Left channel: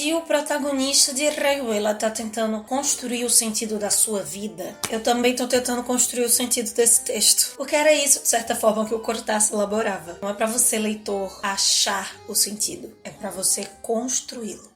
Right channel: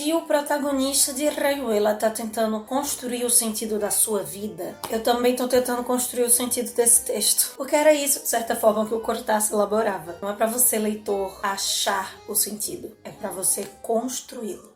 Se o protagonista de Rayuela tá tentando construir o sentido da sua vida, eu também tô tentando construir o sentido desse texto. Porque era isso, de certa forma, que o Cortázar elaborava. Não é pra você, leitor, achar o sentido. É pra você construí-lo.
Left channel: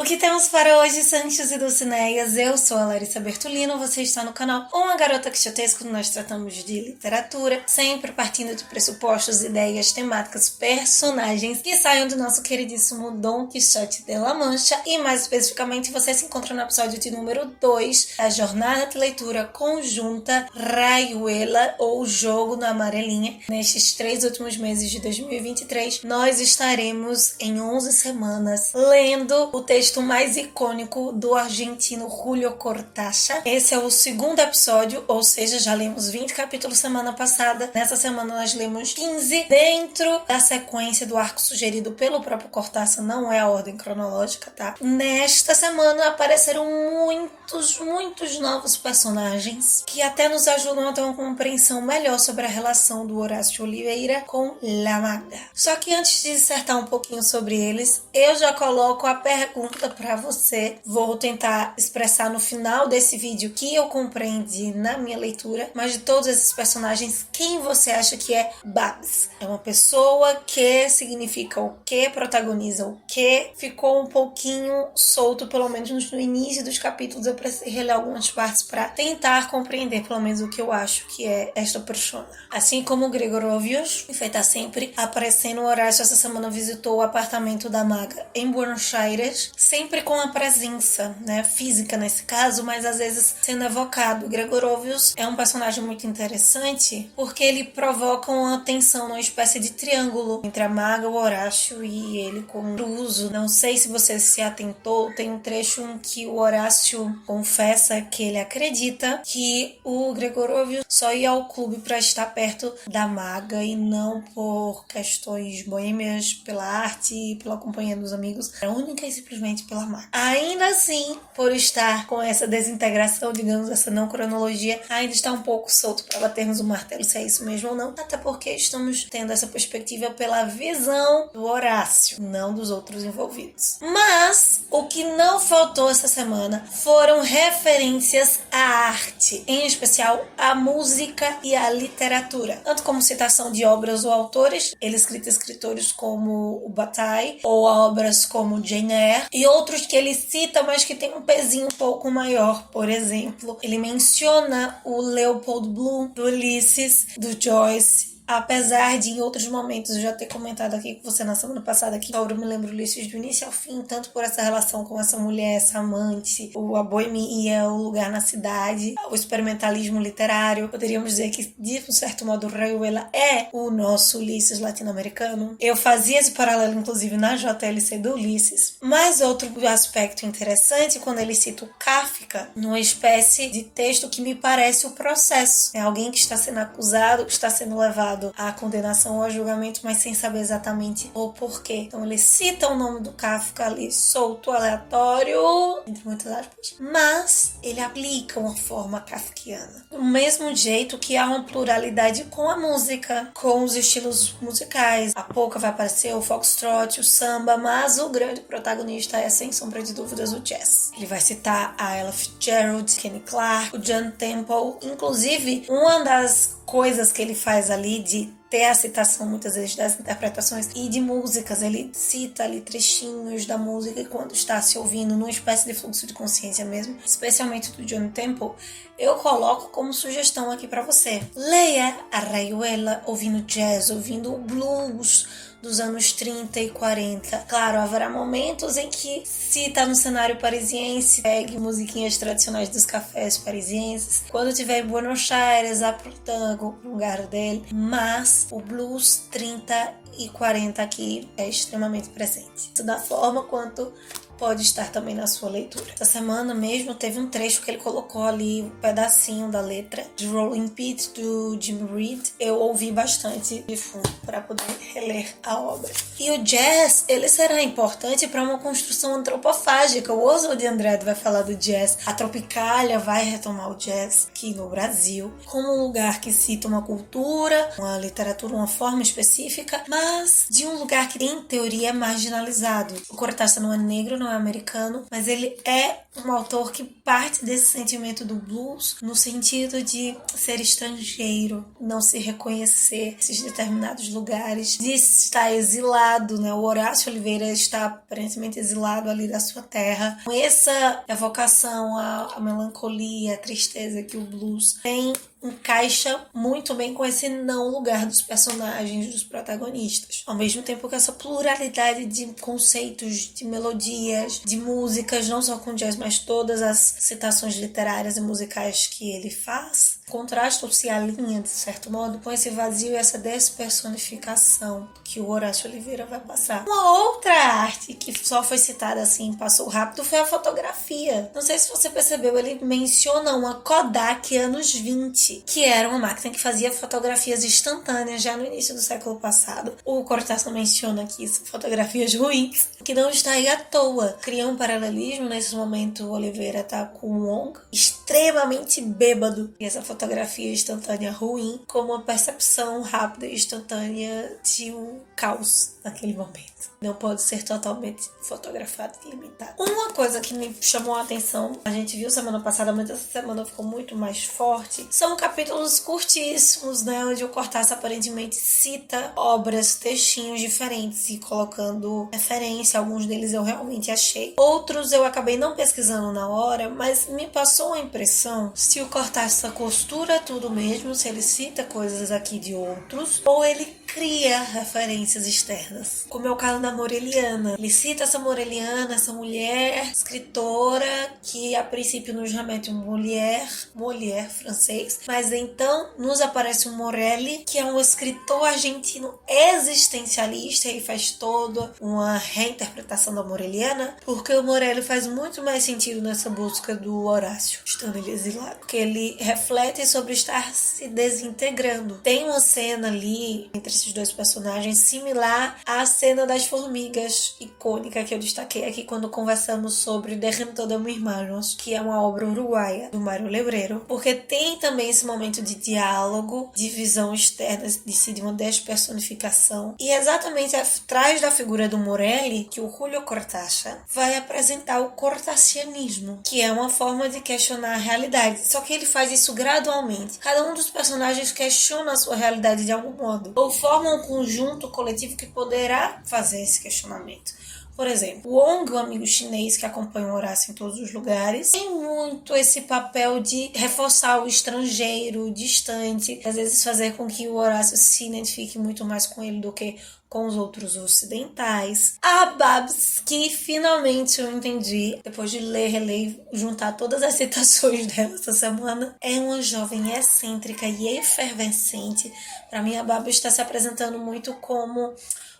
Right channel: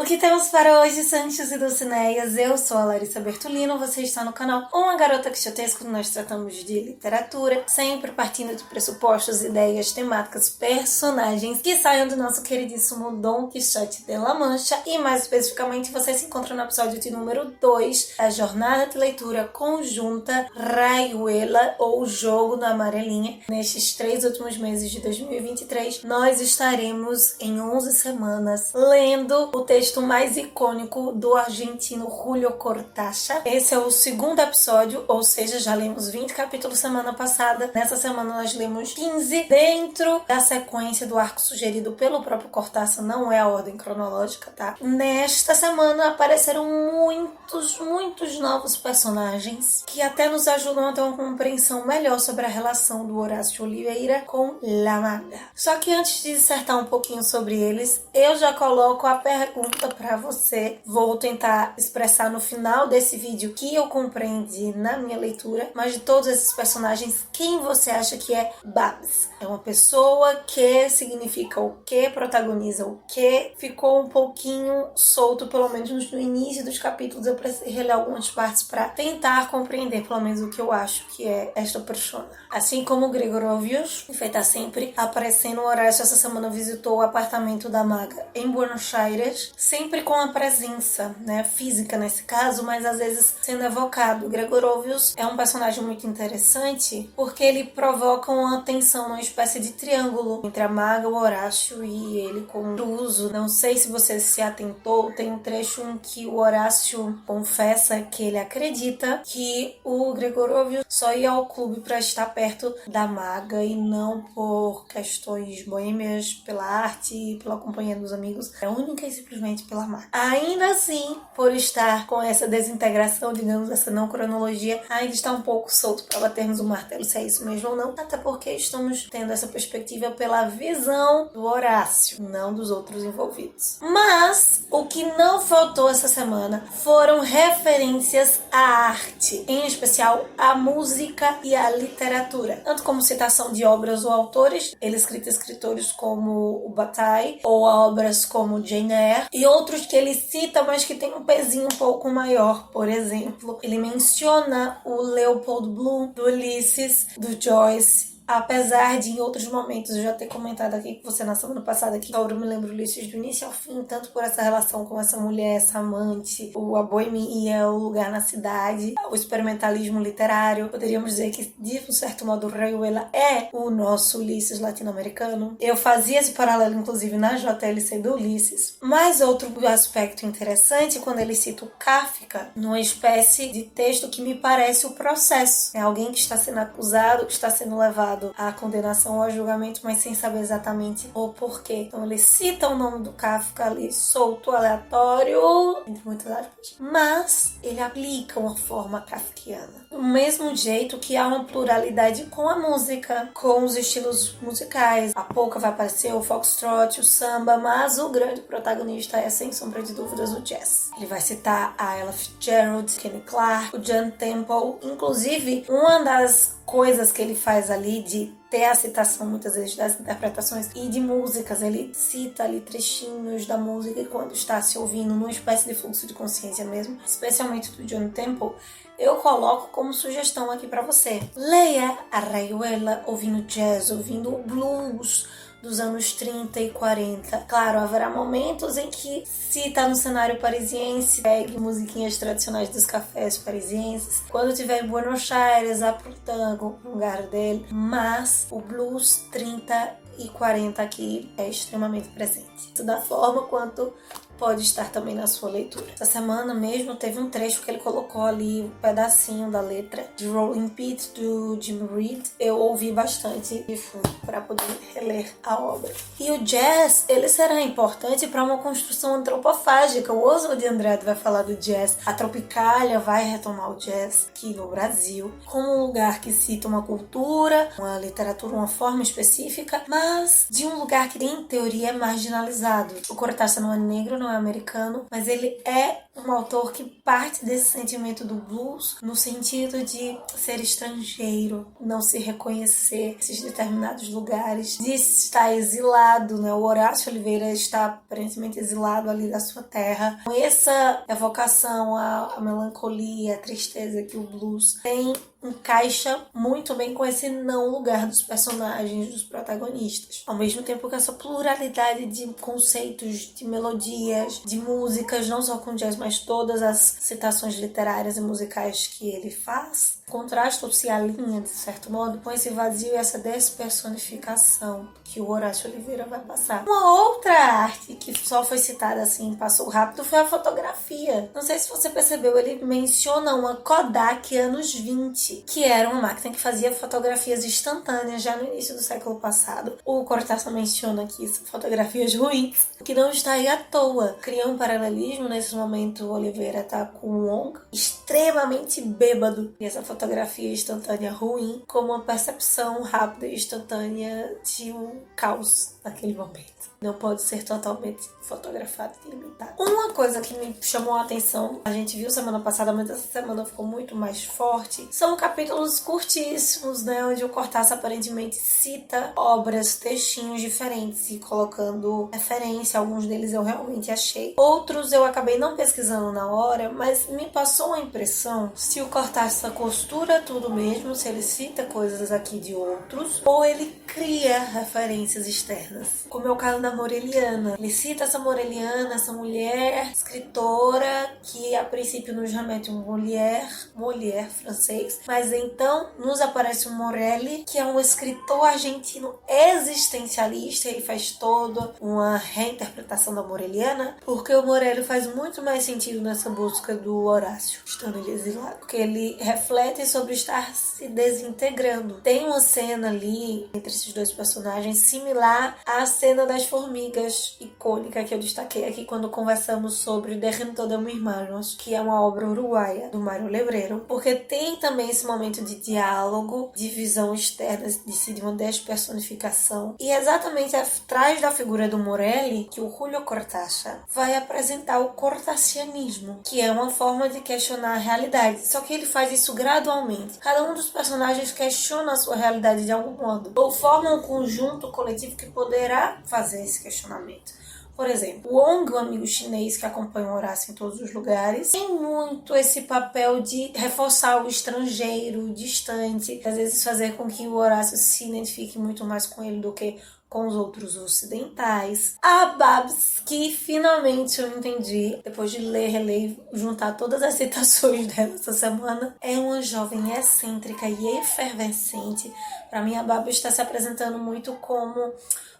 O que temos para hoje, Sanchos e Dulcineias? Eu sou a Larissa Bertolino, você está no canal Uma Garota Quixotesca, onde nós tratamos de literatura, sempre partindo de pressupostos, ideias, temáticas, personagens que saiam do nosso queridíssimo Dom Quixote de La Mancha. E mais especificamente, você se encontra no episódio de número 2 da jornada de leitura conjunta Rayuela, ou Jogo da Amarelinha. Nestes 3 últimos meses de 2023, nós estaremos em 11 semanas lendo o texto mais icônico do argentino Julio Cortázar. Esse é o segundo episódio, ou seja, já lemos 20 capítulos semana passada. Nessa semana nós lemos 15 dentro da sequência do arco sugerido pelo próprio Cortázar, não é a ordem cronológica, tá? Nesta semana apareceram muitos novos personagens que até nos ajudam a ter uma compreensão melhor sobre a relação do Horácio Oliveira com La Maga. Só que antes de dissertar um pouquinho sobre eles, eu já coloco a pergunta para você. Vou tentar expressar no final desse vídeo que eu compreendi na minha leitura, mas de todos esses personagens, quem você acha que é Babs? É uma pessoa que significa o que, protagoniza o que, ficou um pouquinho solto, pelo menos no início dos capítulos. Eu precisei reler algumas partes para tentar compreender pelo menos o que eu acho que é esta persona. Assim como o Gregorovius, que feita sempre aparecendo, o Horácio essa semana visitou o apartamento da Maga em Buenos Aires, sempre com a presença, né, física nesse caso, mas às vezes sendo evocado. O Gregorovius é um personagem muito interessante porque ele provoca uma tensão, uma espécie de triângulo entre a Maga, o Horácio e ele com o Druso. Não sei se você se atentou, tem um trecho em que o Horácio confessa que ele acredita que o Gregorovius só ia ao clube para estar perto da Maga e não por questões boêmias, pela arte, pela companhia dos amigos, era única e simplesmente pela Maga. Ainda assim, por estar com essa desintegração, digamos, essa não cronologia, ainda está um pouco solto para batermos o martelo se é isso mesmo ou não, até porque estamos tendo essa perspectiva pela visão do Horácio, não dos outros envolvidos. Mas o que não faltou essa semana foram referências à arte, em especial à música e à literatura, tanto como citação de obras ou autores. Ele cita escritores como o Bataille, ou obras como Jane Eyre, e outros que ele cita, mas que tem um pezinho um pouco maior. Por exemplo, ele menciona o Leopold Bloom, do Ulisses, do Joyce. Apesar de em outros momentos eu já ter comentado aqui com você na semana passada que eu me lembro Ulisses do início ao fim, tanto por essa relação com essa mulher, essa amante, a boemia, o lugar na cidade, o experimentalismo literário. Poderíamos dizer que, de um certo modo, Rayuela é o nosso Ulisses latino-americano. Eu fazia esse paralelo, inclusive, na JLC do Ulisses. Mas outro aspecto interessante, quando ele cita o Kafka, numa espécie de texto que me parece o processo. É alguém que está sendo acusado, que está sendo levado à condenação ou a julgamento, mas sem saber exatamente o porquê. Então ele cita o nome do Kafka ali, solto, aleatório, entre muitas aspas, mas ele aplica uma forma kafkiana. Do mesmo jeito que há uma pluralidade com a música, com os estilos musicais. A polka vai aparecer, o foxtrot, o samba, mas o grande protagonista é, sem sombra de dúvidas, o jazz. Ele vai citar a Ella Fitzgerald, Kenny Clarke, o John Temple. Inclusive, uma das coisas que ele faz ali de ter a citação muitas vezes das interpretações e de músicas, ele cita ali trechinhos da música e quando está se ouvindo numa espécie de fluxo de consciência mesmo, especialmente do John Temple, eu coloco como sugestão aqui para você. Leia a Rayuela ouvindo jazz, ouvindo o blues dos anos 30 e 40. Claro, haverá momentos em que, se está no cenário parisiense, pegue musiquinhas tradicionais dos cafés parisienses. Quando tiver em Buenos Aires, vá pro tango, o lugar dele. Mas o blues 30 e 40 aqui é extremamente presente. Tanto da forma quanto pode estar também na sua leitura. Essa semana mesmo teve um trecho que ele colocou ali, um pedacinho da letra de Rolling Pit do Jim Reed. Eu ouvi bastante de fundo para poder reler a obra. E o jazz, ele será importante para uma construção antropofágica. O Oswald de Andrade vai falar do jazz. A Tropicália vai retomar o jazz aqui no Brasil como um lugar que cita uma cultura, uma literatura, uma forma específica, mas de um lugar que em teoria é marginalizado. O Cortázar não é negro, não é americano, mas ele é um autor que parte desse sentimento do blues no sentido de ser estrangeiro, não se reconhecer nesses determinados lugares, de estar exilado, né? O Horácio Oliveira está aparentemente exilado ali da sua terra. Essa evocação à melancolia, à tristeza que o blues tem, encaixa muito bem com esse não lugar dos personagens, dos protagonistas. Ao mesmo tempo que essa pluralidade de conceitos, de melodias, de músicas, não só com jazz, mas todas as citações literárias e musicais que ele faz, contrasta ou se alinha, de certo modo, com esse vazio e essa despersonificação que o Horácio Oliveira vai passar. Uma outra arte que só foi citada assim, passou rápido, foi a fotografia. Não sei se você percebeu, ele menciona uma Kodak anos 20, que era uma máquina que fazia fotografias instantâneas já no início do século passado. O Cortázar menciona aqui fotografias ruins, que não está aí à toa. Cria um paralelismo, nesse momento o Oliveira tá com o Wong, extremamente bêbado, e essa fotografia instantânea ruim como uma percepção rápida e instantânea de um caos naquele momento. Não pode ser totalmente fotografado e limitado. Uma coisa que me chamou a atenção, a gente viu semana passada, mas essa semana ficou muito mais forte, são capítulos curtíssimos, né, onde o Cortázar aparentemente cita obras, textinhos diferentes e colocando referência. Alguns deles eu realmente achei. Outros eu acabei não pesquisando na hora, mas me passou a impressão se o Cortázar costura tudo mesmo, se ele cita coisas aqui de outros, ou ele cria referências externas. Como é o caso da Moreliana. Ele cita essa Moreliana, essa mulher escritora que a princípio nos remete um Molière francês, mas então nos aparece um Morelli, que é um escritor argentino existencialista e faz toda uma reinterpretação da Moreliana, porque o Morelli faz muito mais sentido nessa busca do Horácio, estando ele exilado, porque ele reflete sobre estar se desintegrando. Tem uma cena ali entre esses dois personagens similar à cena das formigas, icônica, que eu destaquei aqui quando conversamos sobre Derrento de Mis Manos, que é uma obra uruguaia do Mário Lebreiro, porque tem também esse momento de diálogo, de visão externa, de uma despersonificação, e exatamente atrás da figura do Morelli que o Julio Cortázar vai apresentar o cortacianismo, que é uma forma de questionar a realidade, só que ele faz isso gradualmente. Cada um dos personagens questiona a sua realidade de algum modo, ou forma um conjunto coletivo que poderá fazer esse questionamento. Por exemplo, o Wong, o amigo chinês que acompanha o Horácio em todos os lugares, tem muito esse papel de reforçar o estrangeiro, o distante, às vezes fazer com que o Horácio se identifique muito mais com ele do que com os outros ocidentais. A Babs, que finalmente eu entendi, depois de ler, reler, juntar todas as citações dela essa semana, é uma jovem excêntrica e efervescente. Para mim, a Babs está se apresentando muito como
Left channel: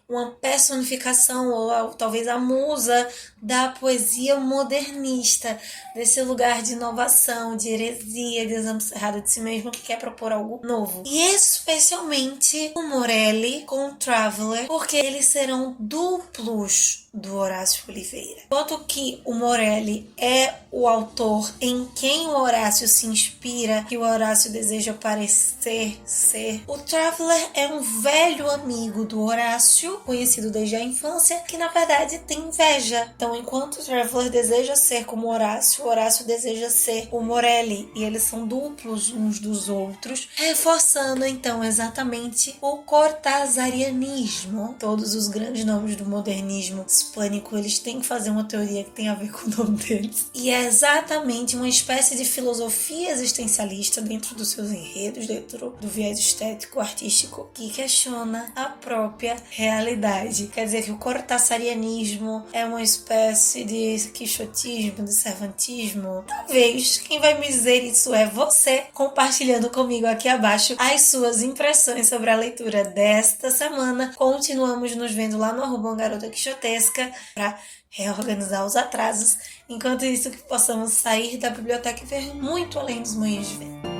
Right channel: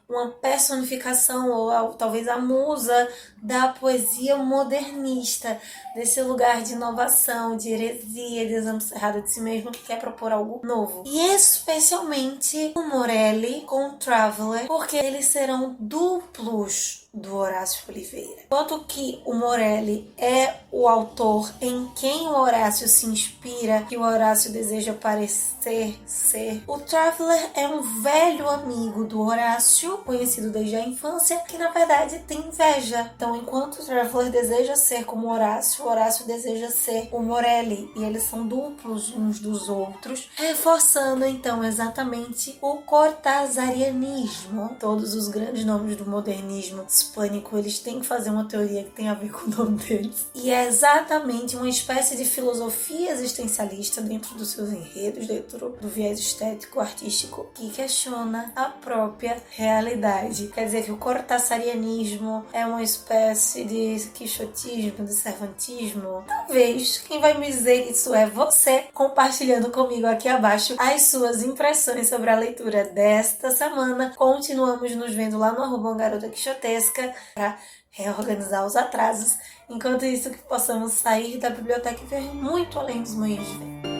uma personificação, ou talvez a musa da poesia modernista, desse lugar de inovação, de heresia, de exame cerrado de si mesmo, que quer propor algo novo. E especialmente o Morelli com o Traveller, porque eles serão duplos do Horácio Oliveira. Enquanto que o Morelli é o autor em quem o Horácio se inspira, que o Horácio deseja parecer ser, o Traveller é um velho amigo do Horácio, conhecido desde a infância, que na verdade tem inveja. Então, enquanto o Traveller deseja ser como o Horácio deseja ser o Morelli, e eles são duplos uns dos outros, reforçando então exatamente o cortazarianismo. Todos os grandes nomes do modernismo hispânico, eles têm que fazer uma teoria que tem a ver com o nome deles. E é exatamente uma espécie de filosofia existencialista dentro dos seus enredos, dentro do viés estético, artístico, que questiona a própria realidade. Quer dizer que o cortazarianismo é uma espécie de quixotismo, de cervantismo. Talvez quem vai me dizer isso é você, compartilhando comigo aqui abaixo as suas impressões sobre a leitura desta semana. Continuamos nos vendo lá no @garota quixotesca. Jéssica para reorganizar os atrasos. Enquanto isso, que possamos sair da biblioteca e ver muito além dos moinhos de vento.